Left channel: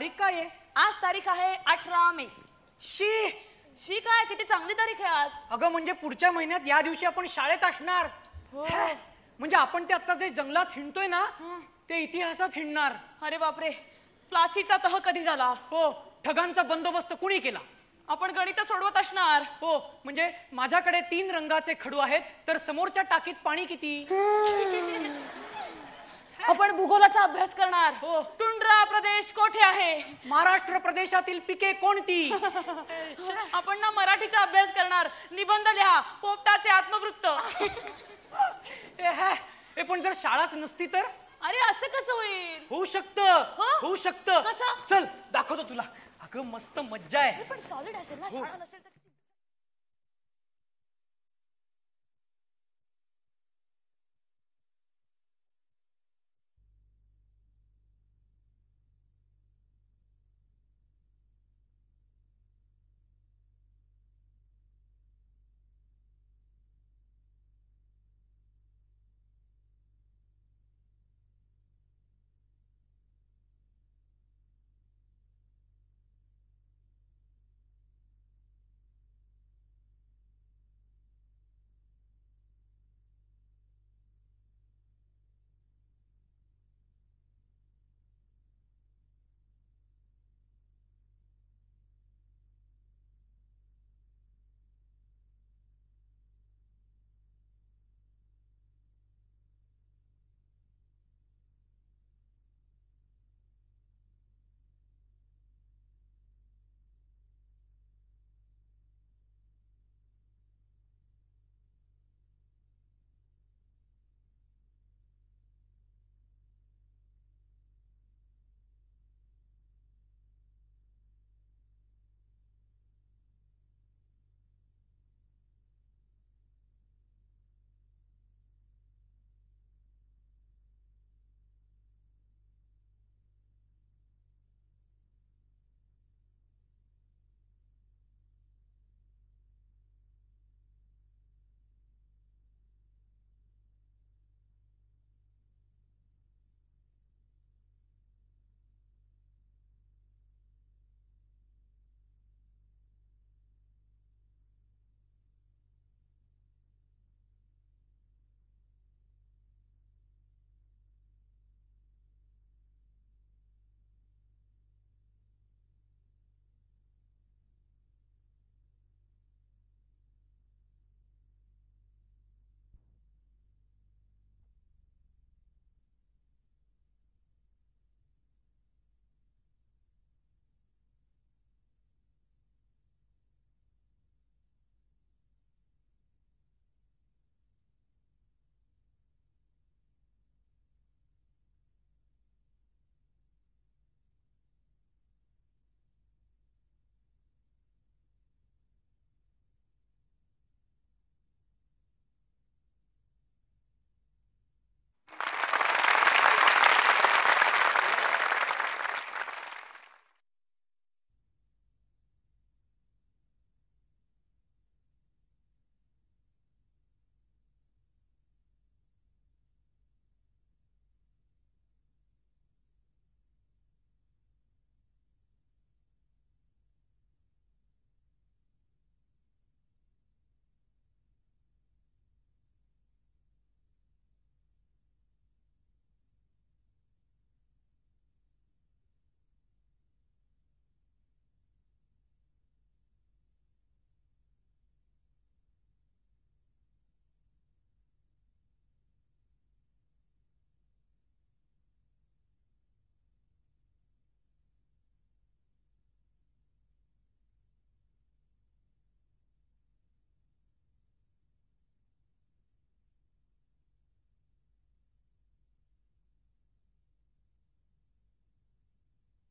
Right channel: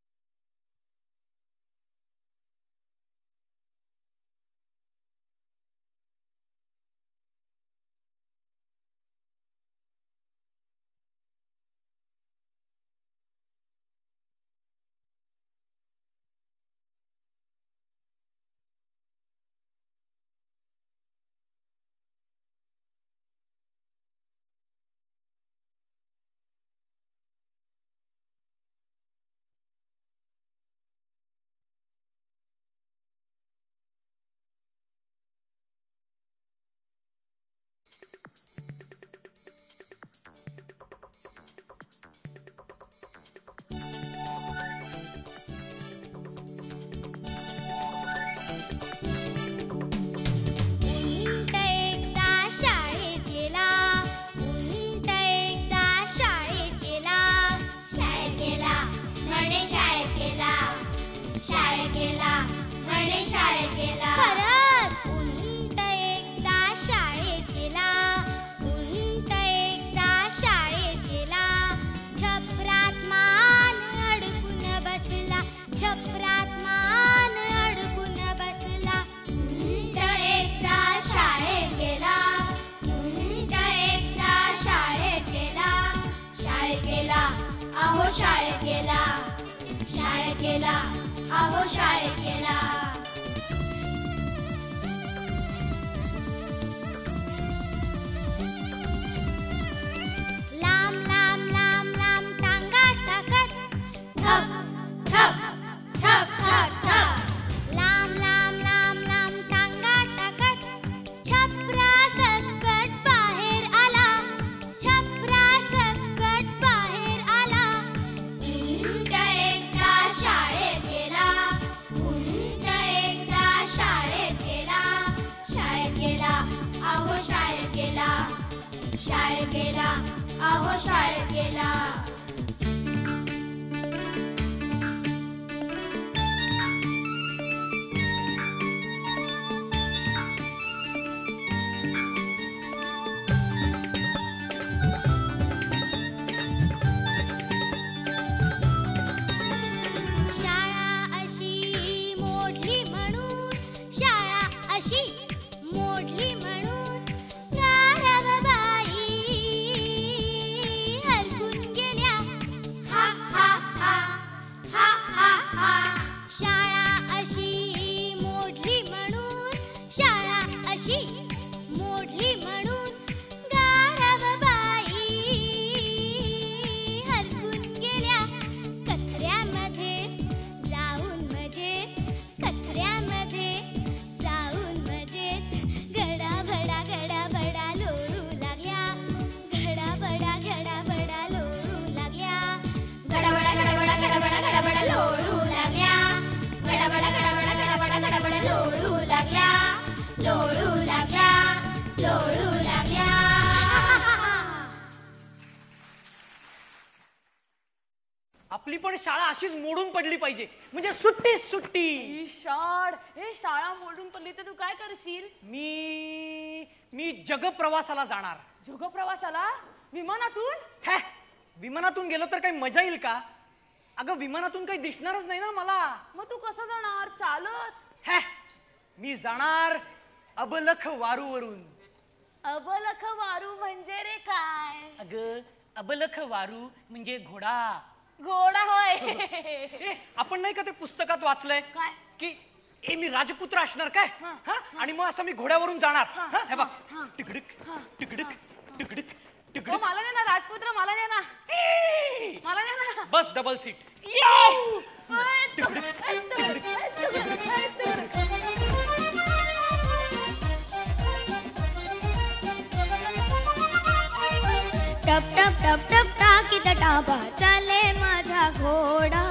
तारीख काय आहे? आज तारीख आहे 18 मे. शी काय किती चांगली तारीख आहे आज. अगं म्हणजे पुढच्या महिन्यात या दिवशी आपण शाळेत असणार. म्हणजे आपण ते आता जे जंगलात हिंडतोय ना ते इतिहासात हिंडणार. अरे बापरे, प्लासीचा तह कधी झाला? हो, ठगांचा बंदोबस्त कुणी केला? आपण गणित सोडवत असणार. हो, म्हणजे माझ्याकडे 3 रंगाचे खडू आहेत तर समोरच्या टाकीत पाणी किती? आपण भूगोलाचा अभ्यास करणार. हो. टुंड्रा प्रदेश कोठे आहे? महाराष्ट्र प्रदेशातील पिके कोणती? आपण ना मराठीचा अभ्यास करणार. निबंध लिहा, पोपटाचे आत्मवृत्त. पण जर शाळाच नसती तर? अरे असं कसं होईल? होऊ शकतं. चल दाखवतो तुला. अगं मस्त मज्जा आहे. मोडून पडली पाहिजे म्हणजे सुट्टी. शाळा मोडून पडली तर तू काय करशील? मी जगप्रवासाला जाणार. जगप्रवासाला? विमानातून? विमानातून गेलो तर काही मजा येईल का? अगं विमानातून काही दिसणारच नाही ना मला. मग तू कसं जाणार? चालत? मी जाणार अबलख वारूवरून. अबलख वारू म्हणजे रे काय? अगं अबलख वारू म्हणजे घोडा. घोडा होय. आपण नाही का ते पुस्तकात वाचलंय काय की मी राजपुत्र असणार काय आणि मग असं मी घोड्यावरून जाणार. हे बघ टिकडक टिकडक टिकडक टिकडक. मला नाही ना राजपुत्र, मला नाही ना, मला नाही ना. बस डबल सीट. टप टप टप टप टाकीत टापा चाले माझा घोडा.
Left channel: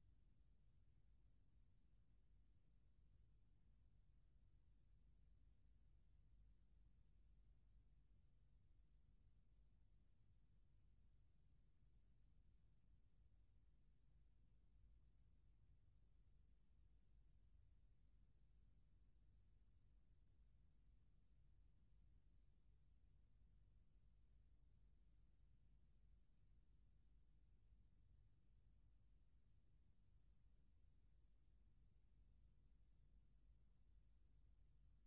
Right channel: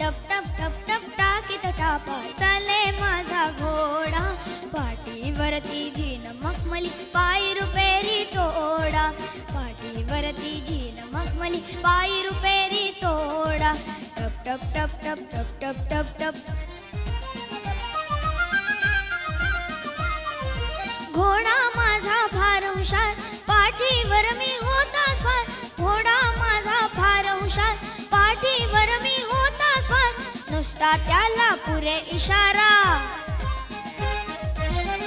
टप टप टप टप टाकीत टापा चाले माझा घोडा. पाठीवरती झीन मखमली पायी रुपेरी तोडा. पाठीवरती झीन मखमली पायी रुपेरी तोडा. टप टप टप टप टप टप टप टप. घोडा माझा फार हुशार पाठीवर मी होता स्वार. घोडा माझा फार हुशार पाठीवर मी होता स्वार. इशारा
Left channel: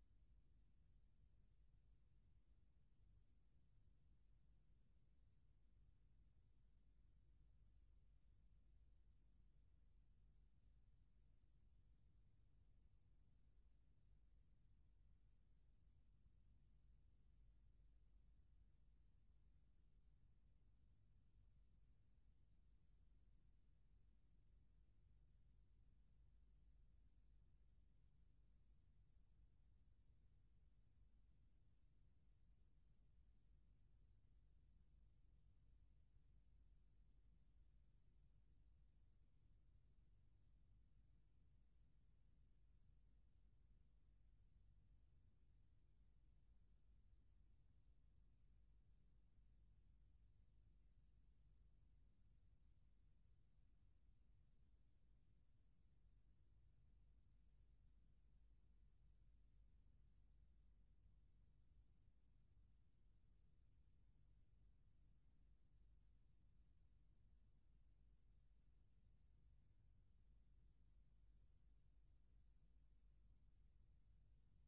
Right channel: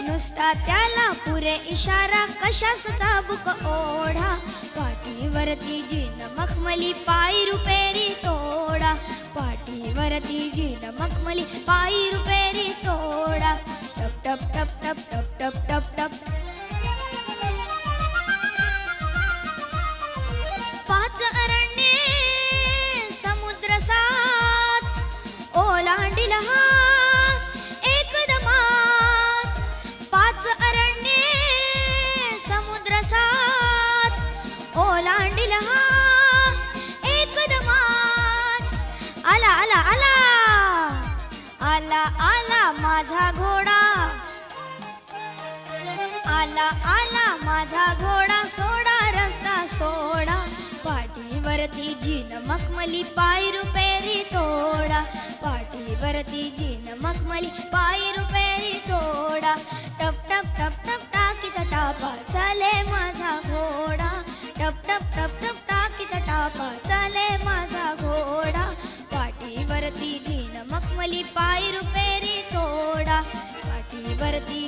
नुसता त्याला पुरे इशारा कशास चाबुक ओढा पाठीवरती जीन मखमली पायी रुपेरी तोडा पाठीवरती जीन मखमली पायी रुपेरी तोडा टप टप टप टप टप टप टप टप पाच अरण्ये समुद्र सात ओलांडिल हा एकदमात पाच अरण्ये समुद्र सात ओलांडिल हा एकदमात आला आला आला आला आला माझा घोडा आला आला माझा घोडा सोडा रस्ता सोडा पाठीवरती जीन मखमली पायी रुपेरी तोडा पाठीवरती जीन मखमली पायी रुपेरी तोडा टप टप टप टप टाकीत टापा चाले माझा घोडा टप टप टप टप टाकीत टापा चाले माझा घोडा पाठीवरती जीन मखमली पायी रुपेरी तोडा पाठीवरती